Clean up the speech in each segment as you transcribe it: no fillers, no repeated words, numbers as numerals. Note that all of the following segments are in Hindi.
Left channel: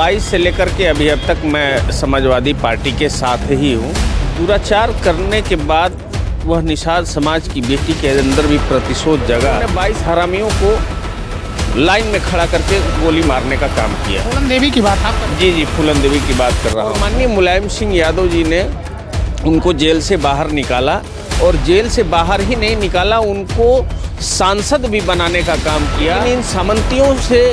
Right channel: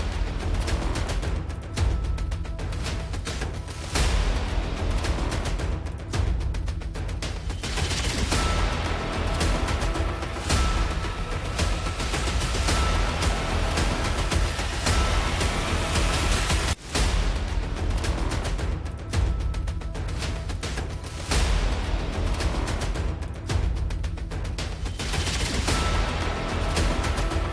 22 से लेकर के अभी अब तक मैं समाजवादी पार्टी के साथ ही हूँ। दुराचार करने के बाद वह निषाद समाज की बेटी के अंदर भी प्रतिशोध जगा। 22 हरामियों को लाइन में खड़ा करके गोली मारने का काम किया। फूलन देवी की बात आप? जी, फूलन देवी की बात कर रहा हूँ। माननीय मुलायम सिंह यादव जी ने उनको जेल से बाहर निकाला, और जेल से बाहर ही नहीं निकाला, उनको सांसद भी बनाने का काम किया। इन सामंतियों से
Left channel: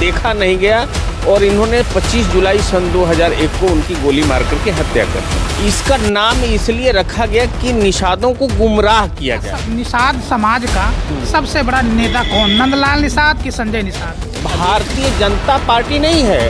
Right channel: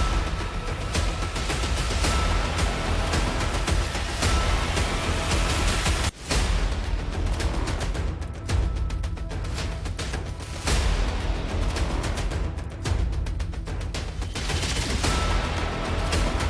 देखा नहीं गया और इन्होंने 25 जुलाई सन 2001 को उनकी गोली मार करके हत्या कर दी। इसका नाम इसलिए रखा गया कि निषादों को गुमराह किया गया। निषाद समाज का सबसे बड़ा नेता कौन? नंदलाल निषाद कि संजय निषाद? भारतीय जनता पार्टी नहीं है,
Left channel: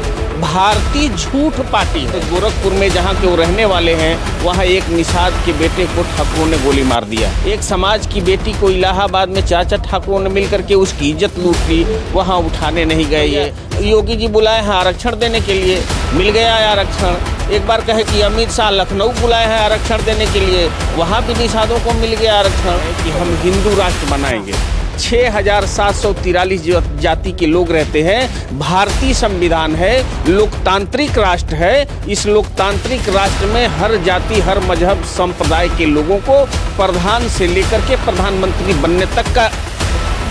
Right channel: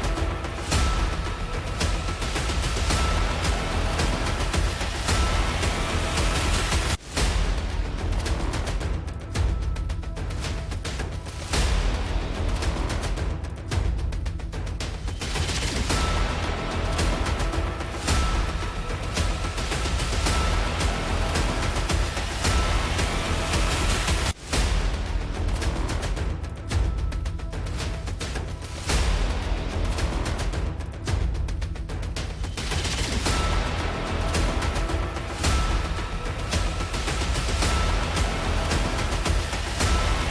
भारतीय झूठ पार्टी है। गोरखपुर में जहाँ के वो रहने वाले हैं, वहाँ एक निषाद के बेटे को ठाकुरों ने गोली मार दिया। एक समाज की बेटी को इलाहाबाद में चाचा ठाकुरों ने मिलकर के उसकी इज्जत लूट ली, वहाँ उठाने नहीं गए। ये योगी जी बुलाए हैं आरक्षण देने के लिए, मिल गया है आरक्षण। एक बार कहे कि अमित शाह लखनऊ बुलाए हैं आरक्षण देने के लिए, वहाँ भी निषादों को मिल गया आरक्षण। कि हम हिंदू राष्ट्र बनाएंगे। 6743 जाति के लोग रहते हैं। भारतीय संविधान है, लोकतांत्रिक राष्ट्र है। इस लोकतांत्रिक राष्ट्र में हर जाति, हर मजहब, संप्रदाय के लोगों को प्रधान से लेकर के प्रधानमंत्री बनने तक का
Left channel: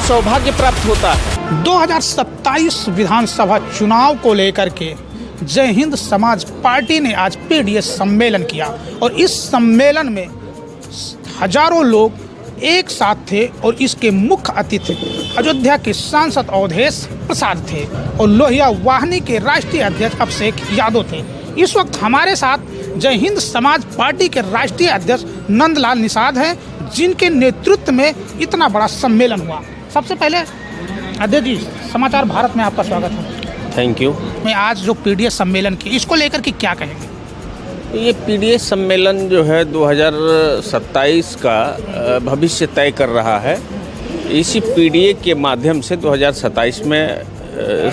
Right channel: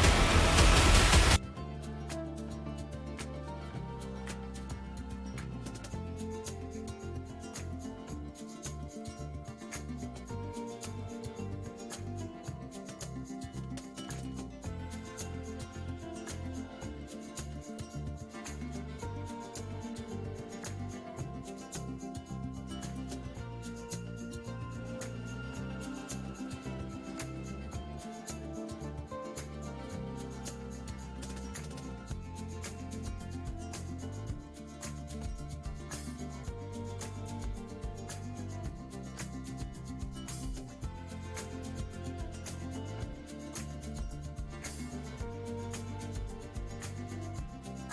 सौभाग्य प्राप्त होता है। 2027 विधानसभा चुनाव को लेकर के जय हिंद समाज पार्टी ने आज पीडीएस सम्मेलन किया, और इस सम्मेलन में हजारों लोग एक साथ थे, और इसके मुख्य अतिथि अयोध्या के सांसद अवधेश प्रसाद थे और लोहिया वाहिनी के राष्ट्रीय अध्यक्ष अभिषेक यादव थे। इस वक्त हमारे साथ जय हिंद समाज पार्टी के राष्ट्रीय अध्यक्ष नंदलाल निषाद हैं, जिनके नेतृत्व में इतना बड़ा सम्मेलन हुआ। सबसे पहले अध्यक्ष जी, समाचार भारत में आपका स्वागत है। Thank you. मैं आज जो पीडीएस सम्मेलन की, इसको लेकर के क्या कहेंगे? ये पीडीएस सम्मेलन जो है 2027 का भविष्य तय कर रहा है। इसी पीडीए के माध्यम से 2027 में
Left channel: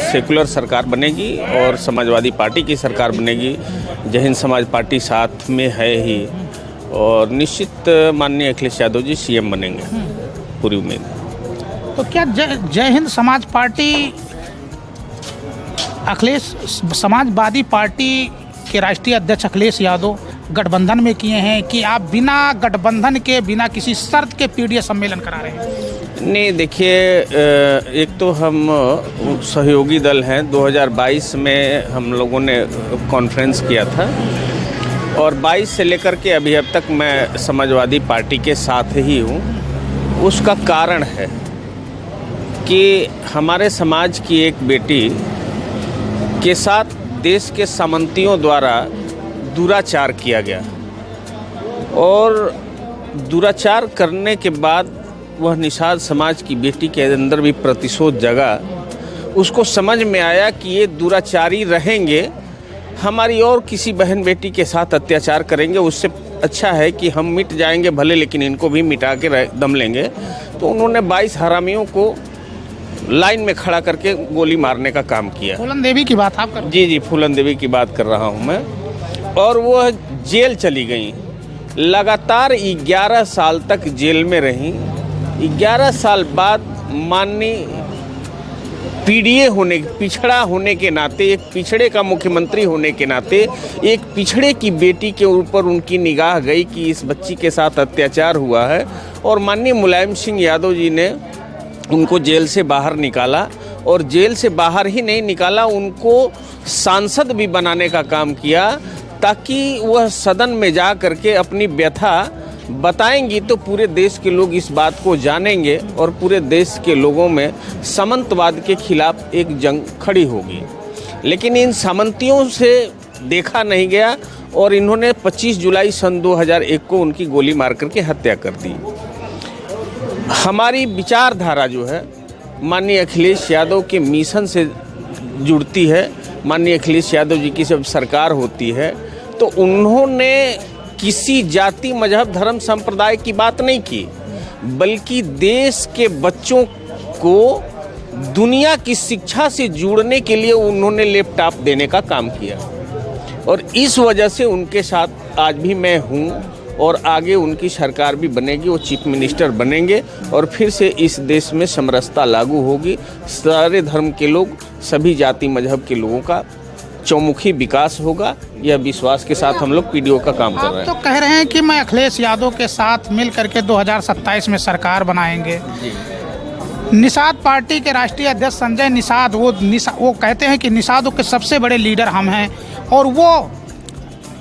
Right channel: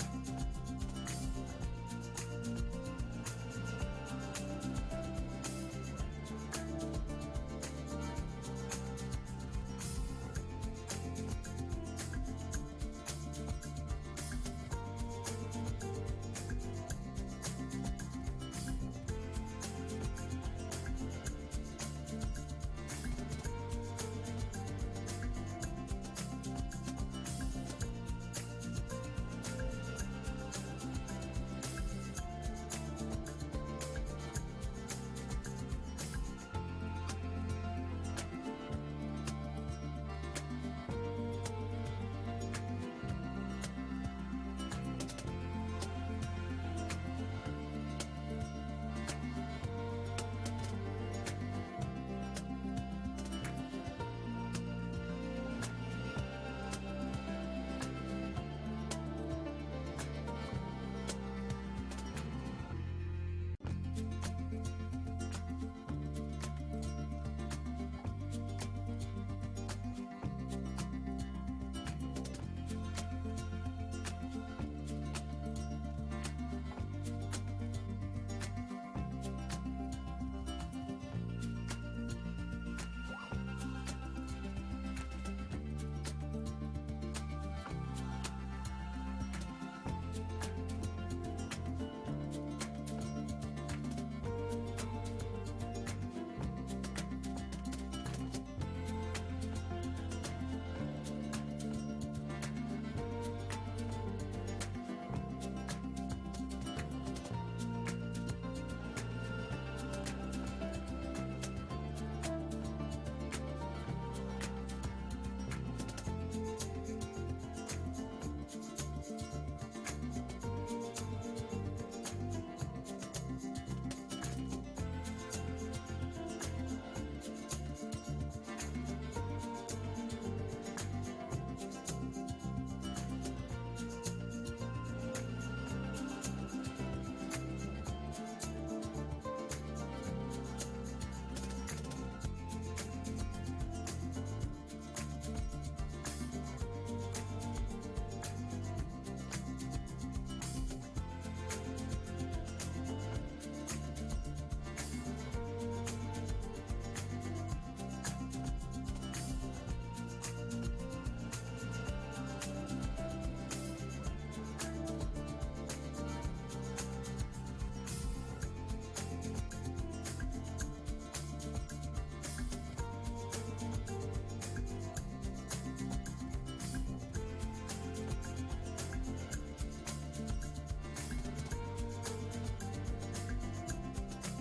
सेकुलर सरकार बनेगी और समाजवादी पार्टी की सरकार बनेगी। जय हिंद समाज पार्टी साथ में है ही, और निश्चित माननीय अखिलेश यादव जी सीएम बनेंगे, पूरी उम्मीद। तो क्या जय हिंद समाज पार्टी अखिलेश समाजवादी पार्टी के राष्ट्रीय अध्यक्ष अखिलेश यादव गठबंधन में किए हैं, कि आप बिना गठबंधन के, बिना किसी शर्त के पीडीएस सम्मेलन करा रहे हैं? नहीं, देखिए, एक तो हम सहयोगी दल हैं। 2022 में हम लोगों ने कॉन्फ्रेंस किया था, और 22 से लेकर के अभी अब तक मैं समाजवादी पार्टी के साथ ही हूँ। उसका कारण है कि हमारे समाज की एक बेटी के साथ देश के सामंतियों द्वारा दुराचार किया गया, और दुराचार करने के बाद वह निषाद समाज की बेटी के अंदर भी प्रतिशोध जगा। उसको समझ में आया कि ये दुराचारी रहेंगे, हमारी और किसी बहन बेटी के साथ अत्याचार करेंगे, उससे अच्छा है कि हम मिट जाएंगे भले, लेकिन इनको भी मिटा के दम लेंगे। तो उन्होंने 22 हरामियों को लाइन में खड़ा करके गोली मारने का काम किया। फूलन देवी की बात आप कर? जी, फूलन देवी की बात कर रहा हूँ मैं। और वह जेल चली गई, लगातार 11 साल तक जेल में रहीं। 11 साल बाद माननीय पीडीए होने, पिछड़ा होने के नाते, एक पिछड़े का मुख्यमंत्री होने के नाते, एक पिछड़े की बेटी के ऊपर उनकी निगाह गई कि इस बच्ची के साथ अत्याचार हुआ है, और माननीय मुलायम सिंह यादव जी ने उनको जेल से बाहर निकाला, और जेल से बाहर ही नहीं निकाला, उनको सांसद भी बनाने का काम किया, ताकि वह सदन में जा करके अपनी व्यथा बताएंगी तो पूरे देश के लोग इस बात को जानेंगे, और पूरे देश के लोगों में सामंतवाद के खिलाफ एक जंग खड़ी होगी। लेकिन इन सामंतियों से देखा नहीं गया, और इन्होंने 25 जुलाई सन 2001 को उनकी गोली मार करके हत्या कर दी। हमारी विचारधारा जो है माननीय अखिलेश यादव के मिशन से जुड़ती है। माननीय अखिलेश यादव जी की जब सरकार होती है, तो उन्होंने किसी जाति, मजहब, धर्म, संप्रदाय की बात नहीं की, बल्कि देश के बच्चों को दुनिया की शिक्षा से जोड़ने के लिए उन्होंने लैपटॉप देने का काम किया, और इस वजह से उनके साथ आज भी मैं हूँ, और आगे उनकी सरकार भी बनेगी, वो चीफ मिनिस्टर बनेंगे, और फिर से इस देश में समरसता लागू होगी। सारे धर्म के लोग, सभी जाति मजहब के लोगों का चौमुखी विकास होगा। यह विश्वास के साथ हम लोग पीडीओ का काम कर रहे आप हैं। तो कह रहे हैं कि मैं अखिलेश यादव के साथ मिल करके 2027 में सरकार बनाएंगे। निषाद पार्टी के राष्ट्रीय अध्यक्ष संजय निषाद वो कहते हैं कि निषादों के सबसे बड़े लीडर हम हैं और वो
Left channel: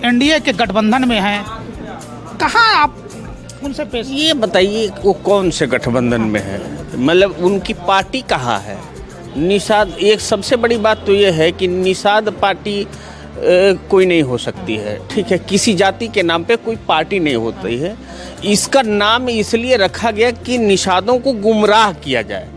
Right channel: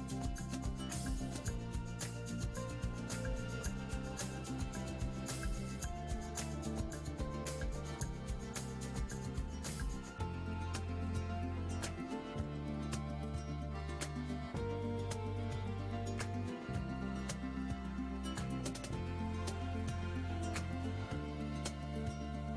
एनडीए के गठबंधन में हैं। कहाँ आप उनसे पेश? ये बताइए वो कौन से गठबंधन में है, मतलब उनकी पार्टी कहाँ है? निषाद, एक सबसे बड़ी बात तो ये है कि निषाद पार्टी कोई नहीं हो सकती है, ठीक है। किसी जाति के नाम पे कोई पार्टी नहीं होती है। इसका नाम इसलिए रखा गया कि निषादों को गुमराह किया जाए।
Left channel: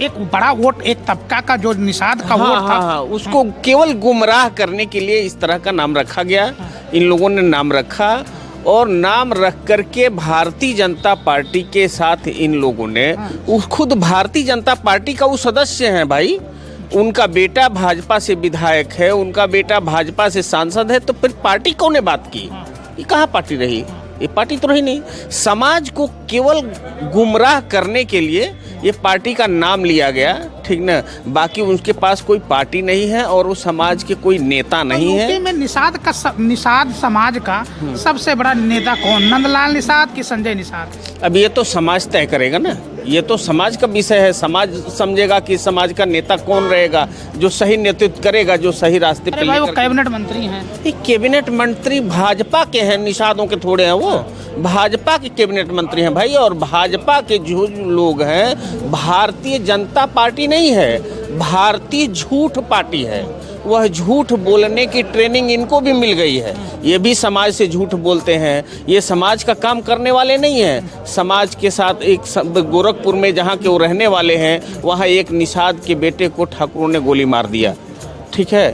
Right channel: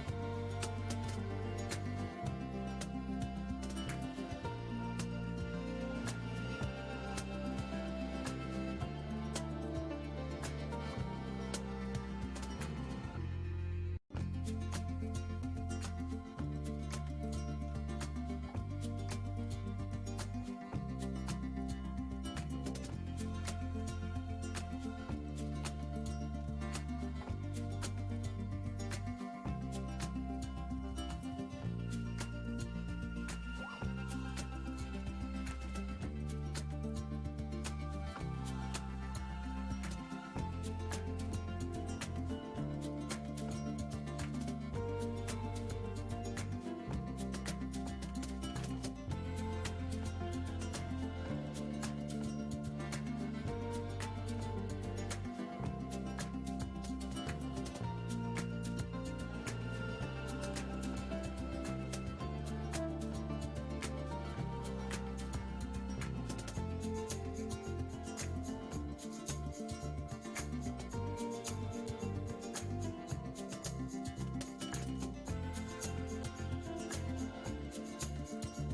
एक बड़ा वोट, एक तबका का जो निषाद का वोट था, हाँ, उसको केवल गुमराह करने के लिए इस तरह का नाम रखा गया। इन लोगों ने नाम रखा और नाम रख करके भारतीय जनता पार्टी के साथ इन लोगों ने, खुद भारतीय जनता पार्टी का वो सदस्य हैं भाई, उनका बेटा भाजपा से विधायक है, उनका बेटा भाजपा से सांसद है, तो फिर पार्टी कौन ने बात की? ये कहाँ पार्टी रही? ये पार्टी तो रही नहीं। समाज को केवल गुमराह करने के लिए ये पार्टी का नाम लिया गया, ठीक ना। बाकी उनके पास कोई पार्टी नहीं है और वो समाज के कोई नेता नहीं है। यूपी में निषाद समाज का सबसे बड़ा नेता कौन? नंदलाल निषाद कि संजय निषाद? अब ये तो समाज तय करेगा ना, ये तो समाज का विषय है। समाज समझेगा कि समाज का नेता कौन रहेगा जो सही नेतृत्व करेगा, जो सही रास्ते पे भाई वो कैबिनेट मंत्री हैं। कैबिनेट मंत्री भाजपा के हैं, निषादों के थोड़े हैं। वो भाजपा के कैबिनेट मंत्री हैं भाई, और भाजपा के जो लोग हैं, भारतीय जनता पार्टी नहीं है, भारतीय झूठ पार्टी है। वह झूठ बोलने की ट्रेनिंग इनको भी मिल गई है। ये भी समाज से झूठ बोलते हैं। ये समाज का काम करने वाले नहीं हैं। समाज के साथ एक गोरखपुर में जहाँ के वो रहने वाले हैं, वहाँ एक निषाद के बेटे को ठाकुरों ने गोली मार दिया, ठीक है।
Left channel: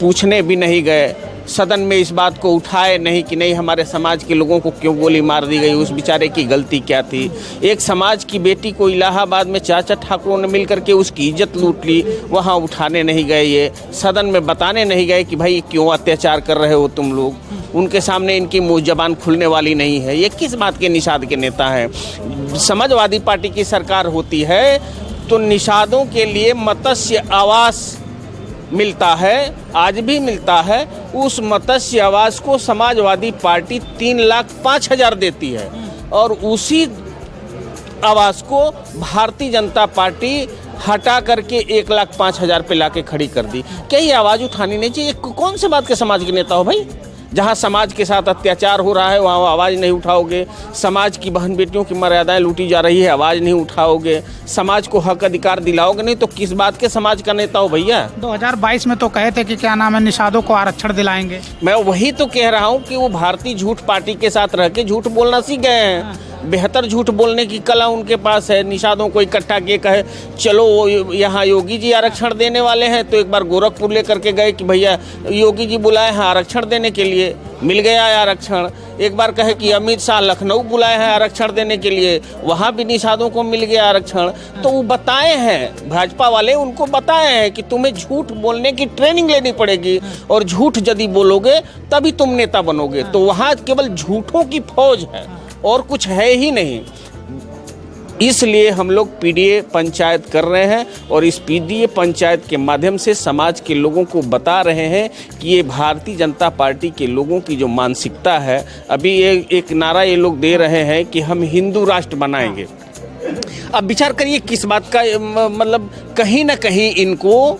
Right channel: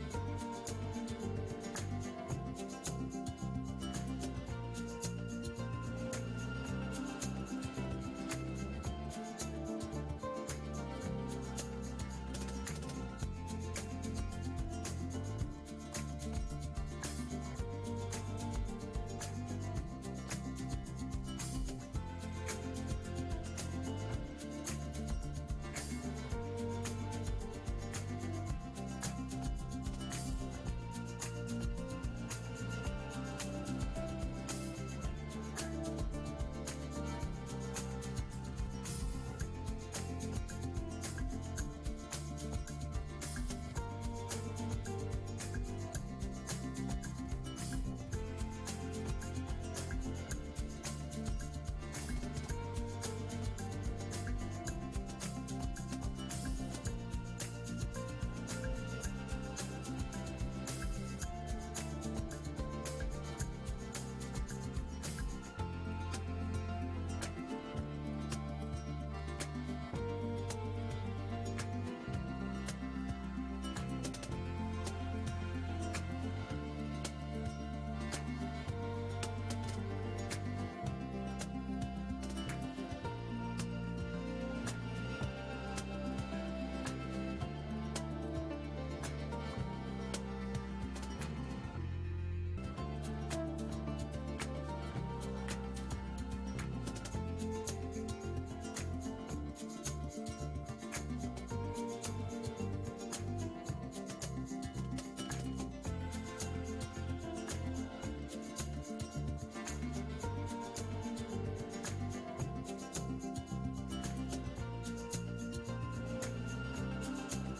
पूछने भी नहीं गए, सदन में इस बात को उठाए नहीं कि नहीं हमारे समाज के लोगों को क्यों गोली मार दी गई, उस बेचारे की गलती क्या थी। एक समाज की बेटी को इलाहाबाद में चाचा ठाकुरों ने मिलकर के उसकी इज्जत लूट ली, वहाँ उठाने नहीं गए, ये सदन में बताने नहीं गए कि भाई क्यों अत्याचार कर रहे हो तुम लोग। उनके सामने इनकी मुँह जबान खुलने वाली नहीं है। ये किस बात के निषाद के नेता हैं? समाजवादी पार्टी की सरकार होती है तो निषादों के लिए मत्स्य आवास मिलता है, आज भी मिलता है। उस मत्स्य आवास को समाजवादी पार्टी 3,05,000 देती है और उसी आवास को भारतीय जनता पार्टी हटा करके 1,05,000 पे लाके खड़ी कर दी। क्या ये आवाज़ उठानी नहीं चाहिए? कौन से बात के समाज के नेता हो भाई? जहाँ समाज के साथ अत्याचार हो रहा है वहाँ आवाज़ नहीं उठाओगे। समाज की बहन बेटियों की मर्यादाएं लूटी जा रही है, आवाज़ नहीं उठाओगे। समाज को हक अधिकार दिलाओगे नहीं तो किस बात के समाज का नेता हो भैया? 2022 में तो कहे थे कि क्या नाम है, निषादों को आरक्षण दिलाएंगे। मैं वही तो कह रहा हूँ कि वो भारतीय झूठ पार्टी के साथ रह के झूठ बोलना सीख गए हैं। बेहतर झूठ बोलने की कला उनके पास है। निषादों को इकट्ठा किए कहे चलो यहाँ योगी जी आरक्षण देने वाले हैं, तो एक बार गोरखपुर लेकर के गए कि भैया योगी जी बुलाए हैं आरक्षण देने के लिए, मिल गया है आरक्षण। एक बार कहे कि अमित शाह लखनऊ बुलाए हैं आरक्षण देने के लिए, वहाँ भी निषादों को मिल गया आरक्षण। तो वो बताए हैं, भाजपा वाले उनको बताए हैं कि तुम्हें झूठ बोलने की ट्रेनिंग लेनी पड़ेगी और झूठ यदि बोलोगे तभी तुम नेता बनोगे। तो वहाँ केवल झूठों की फौज है और कुछ है ही नहीं। इसलिए हम लोग पीडीए पंचायत कर रहे हैं और इस पीडीए पंचायत के माध्यम से समाज के लोगों को बता रहे हैं कि ये भारतीय जनता पार्टी के लोगों की जो मानसिकता है, अभी एक नारा ये लोग दे रहे हैं कि हम हिंदू राष्ट्र बनाएंगे। अब विचार करिए किस बात का, मतलब कहीं ना कहीं इनको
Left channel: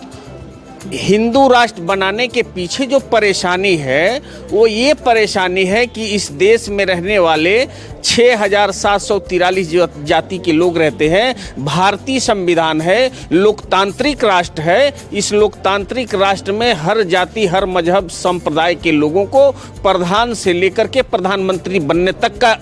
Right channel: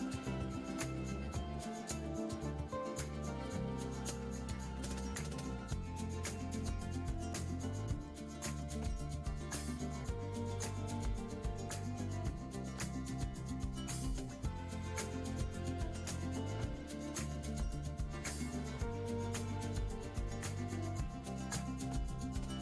हिंदू राष्ट्र बनाने के पीछे जो परेशानी है वो ये परेशानी है कि इस देश में रहने वाले 6,743 जाति के लोग रहते हैं। भारतीय संविधान है, लोकतांत्रिक राष्ट्र है। इस लोकतांत्रिक राष्ट्र में हर जाति, हर मजहब, संप्रदाय के लोगों को प्रधान से लेकर के प्रधानमंत्री बनने तक का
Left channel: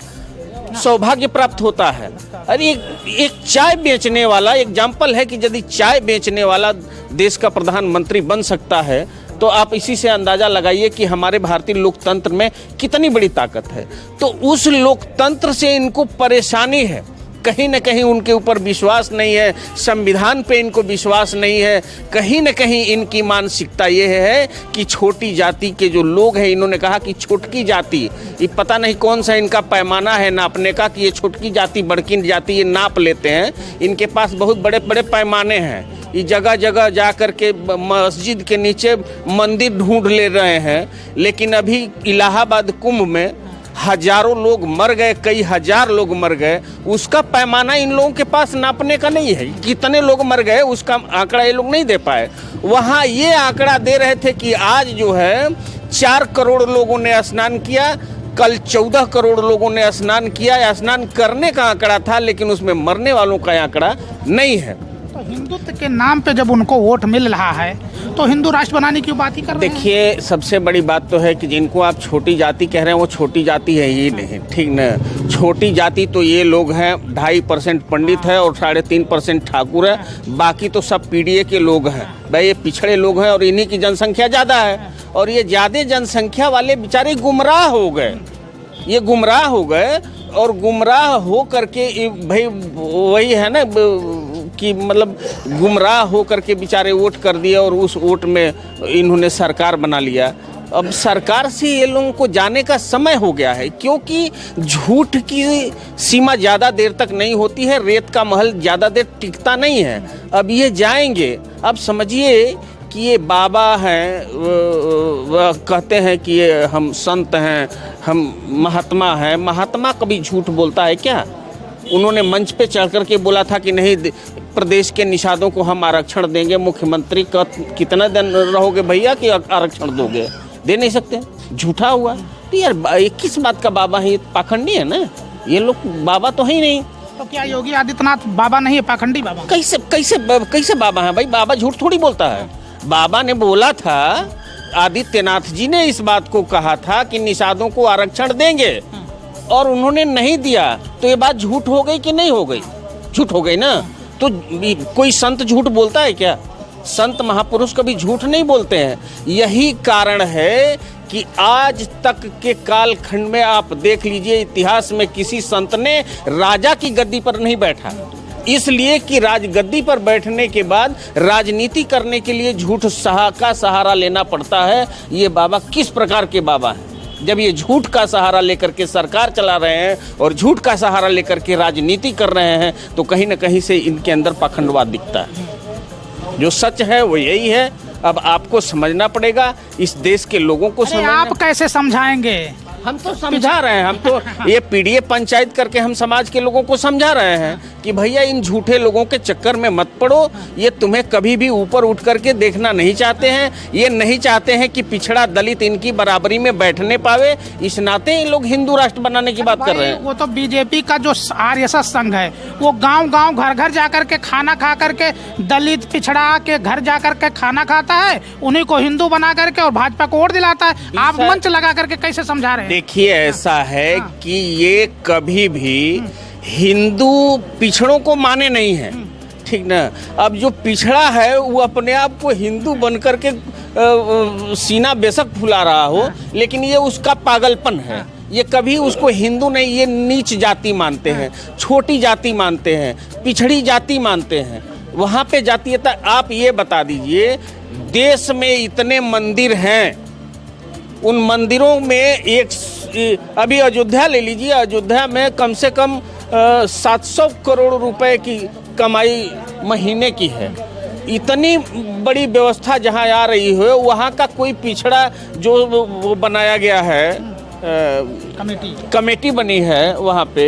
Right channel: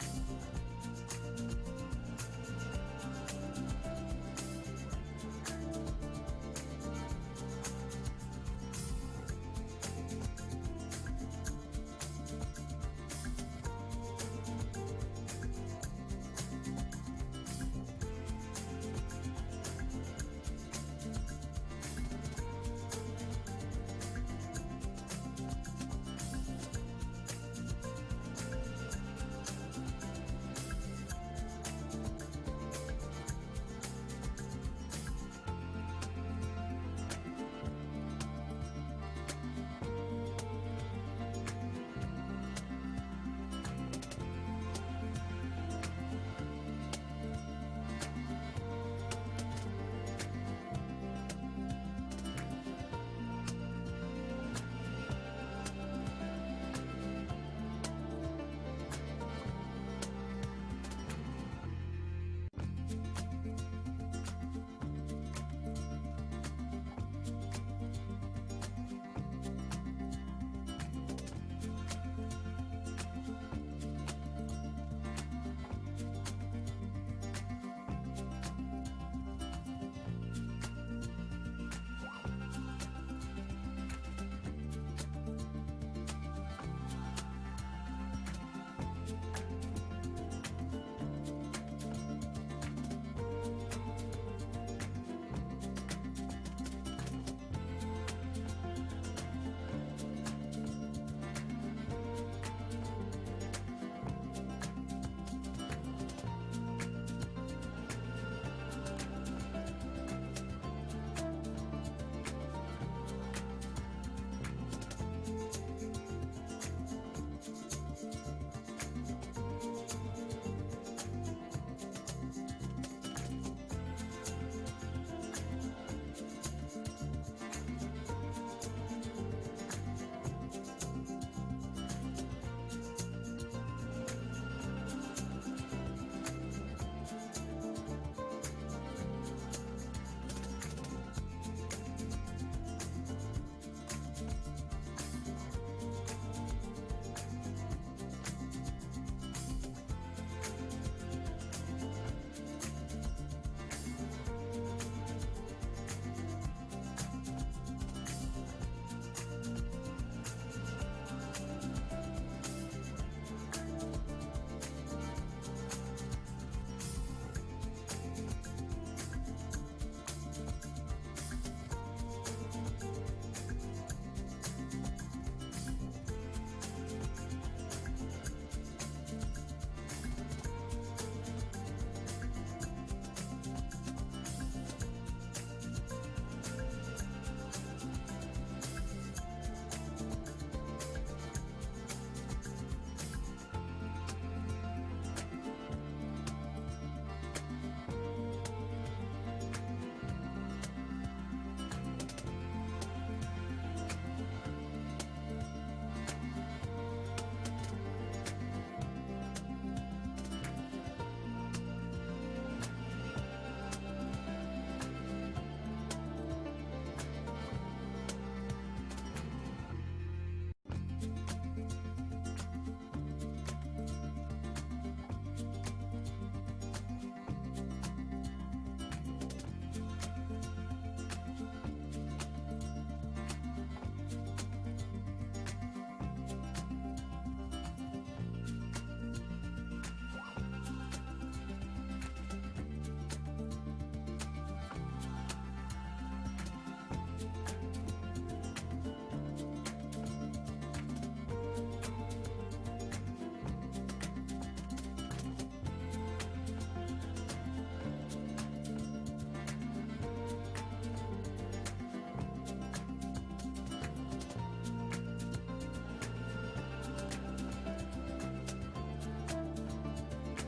सौभाग्य प्राप्त होता है। अरे एक चाय बेचने वाला एग्जाम्पल है कि यदि चाय बेचने वाला देश का प्रधानमंत्री बन सकता है तो आप इसी से अंदाजा लगाइए कि हमारे भारतीय लोकतंत्र में कितनी बड़ी ताकत है। तो उस लोकतंत्र से इनको परेशानी है कहीं न कहीं उनके ऊपर विश्वास नहीं है, संविधान पे इनको विश्वास नहीं है। कहीं न कहीं इनकी मानसिकता ये है कि छोटी जाति के जो लोग हैं, इन्होंने कहा कि छोटकी जाति, ये पता नहीं कौन सा इनका पैमाना है नापने का कि ये छोटकी जाति बड़की जाति ये नाप लेते हैं। इनके पास बहुत बड़े बड़े पैमाने हैं। ये जगह जगह जा कर के मस्जिद के नीचे मंदिर ढूंढ ले रहे हैं। लेकिन अभी इलाहाबाद कुंभ में हजारों लोग मर गए, कई हजार लोग मर गए, उसका पैमाना इन लोगों के पास नापने का नहीं है। कितने लोग मर गए उसका आंकड़ा ये लोग नहीं दे पाए। वहाँ ये आंकड़ा दे रहे थे कि आज जो है 4 करोड़ लोगों ने स्नान किया, कल 14 करोड़ लोगों ने स्नान किया। स्नान करने का आंकड़ा था, लेकिन उसमें मरने वालों का आंकड़ा नहीं है। तो हिंदुत्व के नाम पे जब उनको वोट मिल रहा है तो हिंदू राष्ट्र बनाने की बात ही कर रहे हैं। देखिए, सबसे बड़ी बात तो है कि जिनको आप छोटी जाति कह रहे हैं वो छोटी जाति है ही नहीं, ठीक न। छोटी जाति तो ये लोग हैं, 2.5% पंडित है और 3.5% ठाकुर है, बाकी तो सब पीडीए के लोग हैं। भाई ये पिछड़े लोग हैं और इन्हीं की जनसंख्या ज़्यादा है। और ये ज़्यादा जनसंख्या वाले बेचारे गुमराह हो गए, ये गुमराह हो गए। और गुमराह हो करके भाई वही है ना कि मतलब गुमराह हो करके बेचारे वोट कर दिए और उस वोट में इन्होंने सरकार बना लिया। अब सरकार से ये लोगों को जाने का समय हो गया है, क्योंकि झूठ की सीमा ज़्यादा देर तक नहीं होती है, रेत का महल ज़्यादा देर टिकता नहीं है। अब ये जाएंगे। अब समझिए कि ये बाबा हैं, कहते हैं कि ये हम संत हैं, हम महात्मा हैं। महात्मा कभी झूठ बोलता है क्या? उन्होंने मंच पे चढ़ कर के बोला था कि नहीं, प्रदेश के निषादों को हम आरक्षण देंगे। मुख्यमंत्री का कितना दिन रहोगे भैया कि आरक्षण दोगे? दे नहीं सकते, झूठा हुआ। तो यार ये किस बात का बाबा है? ये पाखंडी है ना, ये लोग बाबा तो है ही नहीं। तो क्या योगी आदित्यनाथ बाबा नहीं है, पाखंडी बाबा? कैसे कैसे कैसे बाबा है भाई? बाबा झूठ थोड़ी बोलता है। बाबा ने बोला था, आदित्यनाथ जी ने इस बात को कहा था कि निषादों को आरक्षण देंगे और उन्होंने नहीं दिया। तो ये बात झूठ हो गई कि नहीं हो गई? झूठ हो गई ना। तो कोई संत झूठ बोलता है क्या? संत महापुरुष कभी झूठ नहीं बोलते हैं। यही कारण है कि आज तक के कालखंड में आप देख लीजिए, इतिहास में किसी संत ने राजा की गद्दी पर नहीं बैठा, इसलिए कि राजगद्दी पर बैठने के बाद राजनीति करने के लिए झूठ का सहारा लेना पड़ता है। ये बाबा किस प्रकार के बाबा हैं? जब ये झूठ का सहारा लेकर के सरकार चला रहे हैं और झूठ का सहारा लेकर के राजनीति कर रहे हैं, तो कहीं न कहीं से इनके अंदर पाखंडवाद दिखता है। जो सच है वो यही है। अब आपको समझना पड़ेगा, इस देश के लोगों को समझना। आप कैसे समझाएंगे? हम तो समझा रहे हैं, हम तो ये पीडीए पंचायत करके हम समाज के लोगों को समझा रहे हैं कि भैया इन झूठे लोगों के चक्कर में मत पड़ो। ये तुम्हें कभी भी ऊपर उठ करके देखना नहीं चाहते हैं। ये नहीं चाहते हैं कि पिछड़ा दलित इनकी बराबरी में बैठने पावे। इस नाते ये लोग हिंदू राष्ट्र बनाने की बात कर रहे हैं। वो तो बीजेपी का जो आरएसएस संघ है, वो गांव-गांव घर-घर जाकर के खाना खा करके दलित पिछड़ा के घर जाकर के खाना खाता है, उन्हीं को हिंदू बना करके और भाजपा को वोट दिलाता है। आप मंच लगा करके कैसे समझा रहे हैं? देखिए, ऐसा है कि ये कभी भी हिंदू पिछड़ों को माने नहीं है, ठीक ना। अब जो पिछड़ा है वो अपने आप को हिंदू बन करके सीना बेशक फुला रहा हो, लेकिन ये उसका पागलपन है। ये कभी उसको हिंदू नहीं, ये नीच जाति मानते हैं, छोटी जाति मानते हैं, पिछड़ी जाति मानते हैं। वहाँ पे जातीयता। आप ये बता दीजिए, देश में इतने मंदिर हैं, उन मंदिरों में अभी अयोध्या ले लीजिए, अयोध्या में कम से कम 700 करोड़ रुपए की कमाई महीने की है। इतनी बड़ी व्यवस्था जहां आ रही है, वहां का कोई पिछड़ा जो वो बनाया गया है, कमेटी बनी है वहां पे,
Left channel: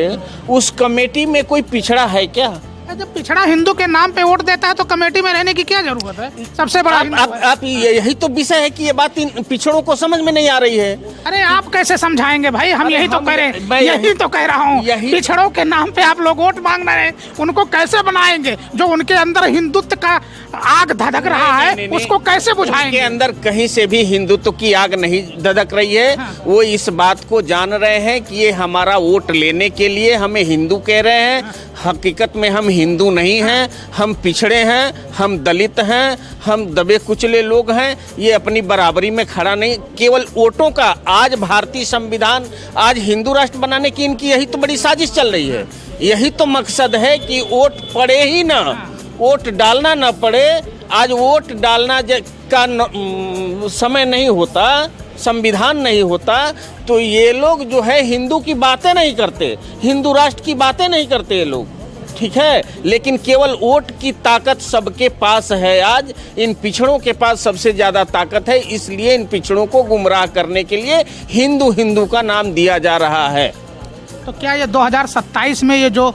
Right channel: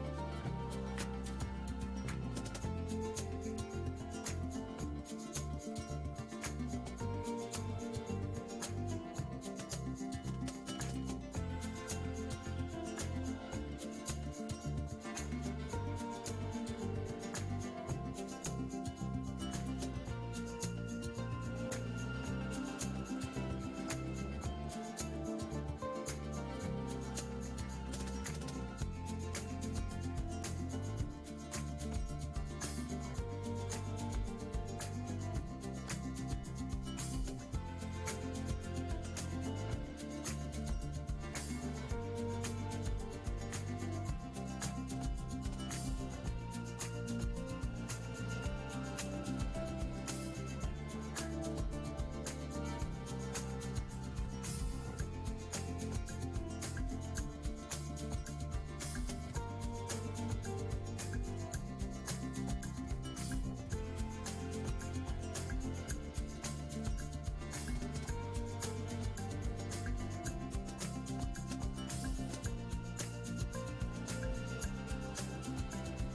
उस कमेटी में कोई पिछड़ा है क्या? जब पिछड़ा हिंदू के नाम पे वोट देता है तो कमेटी में रहने की क्या जरूरत है? सबसे बड़ा आप यही तो विषय है कि ये बात इन पिछड़ों को समझ में नहीं आ रही है। अरे आप कैसे समझाएंगे भाई? हम यही तो कह रहे हैं, यही तो कह रहा हूँ। पिछड़ों के नाम पे आप लोग वोट मांग रहे हैं, उनको कैसे बनाएंगे? जो उनके अंदर हिंदुत्व का आग धधक रहा है, उसको कैसे बुझाएंगे? उनके अंदर कहीं से भी हिंदुत्व की आग नहीं धधक रही है। वो इस बात को जान रहे हैं कि ये हमारा वोट लेने के लिए हमें हिंदू कह रहे हैं। हकीकत में हम हिंदू नहीं हैं, हम पिछड़े हैं, हम दलित हैं, हम दबे कुचले लोग हैं। ये अपनी बराबरी में खड़ा नहीं, केवल वोटों का। आज भारतीय संविधान, आज हिंदू राष्ट्र बनाने की इनकी यही तो बड़ी साजिश चल रही है। यही तो मकसद है कि वोट पड़े ही ना, वोट डालना ना पड़े। आज वोट डालना का समय नहीं होता, संविधान नहीं होता, तो ये लोग जो है हिंदू की बातें नहीं करते, हिंदू राष्ट्र की बातें नहीं करते ये लोग, ठीक है। लेकिन केवल वोट की ताकत सबके पास है। आज इन पिछड़ों के पास सबसे ज़्यादा ताकत है, इसलिए इन पिछड़ों को गुमराह करने के लिए हिंदू हिंदू का नाम दिया जा रहा है। तो क्या ये 2027 में ये जो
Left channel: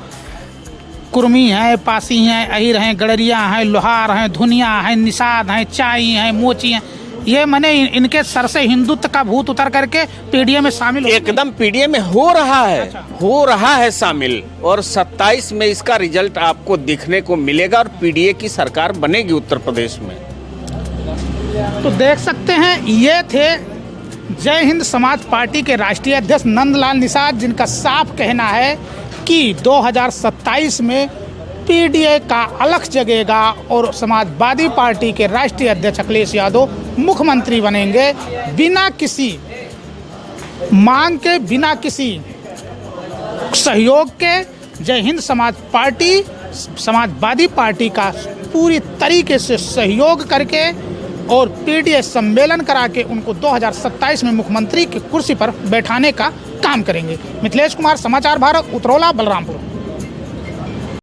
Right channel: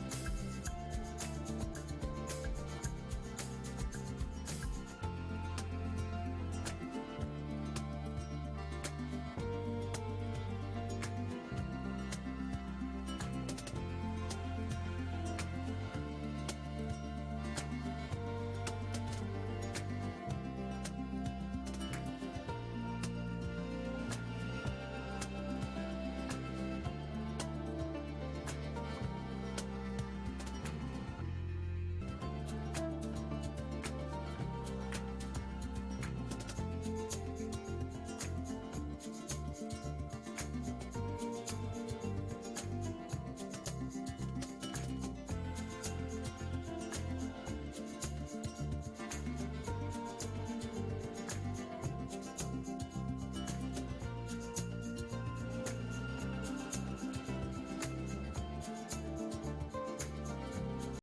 कुर्मी हैं, पासी हैं, अहिर हैं, गडरिया हैं, लोहार हैं, धुनिया हैं, निषाद हैं, चाई हैं, मोची हैं, ये मैंने इनके सर से हिंदुत्व का भूत उतर करके पीडीए में शामिल हो एकदम पीडीए में हो रहा है। अच्छा। हो रहा है शामिल, और 27 में इसका रिजल्ट आपको देखने को मिलेगा और पीडीए की सरकार बनेगी उत्तर प्रदेश में। तो देख सकते हैं, ये थे जय हिंद समाज पार्टी के राष्ट्रीय अध्यक्ष नंदलाल निषाद, जिनका साफ कहना है कि 2027 में पीडीए का अलख जगेगा और समाजवादी पार्टी के राष्ट्रीय अध्यक्ष अखिलेश यादव मुख्यमंत्री बनेंगे, बिना किसी मांग के, बिना किसी सहयोग के। जय हिंद समाज पार्टी समाजवादी पार्टी का पूरी तरीके से सहयोग करके और पीडीए सम्मेलन करा के उनको 2027 में मुख्यमंत्री की कुर्सी पर बैठाने का काम करेंगे। मिथिलेश कुमार, समाचार भारत, उतरौला, बलरामपुर।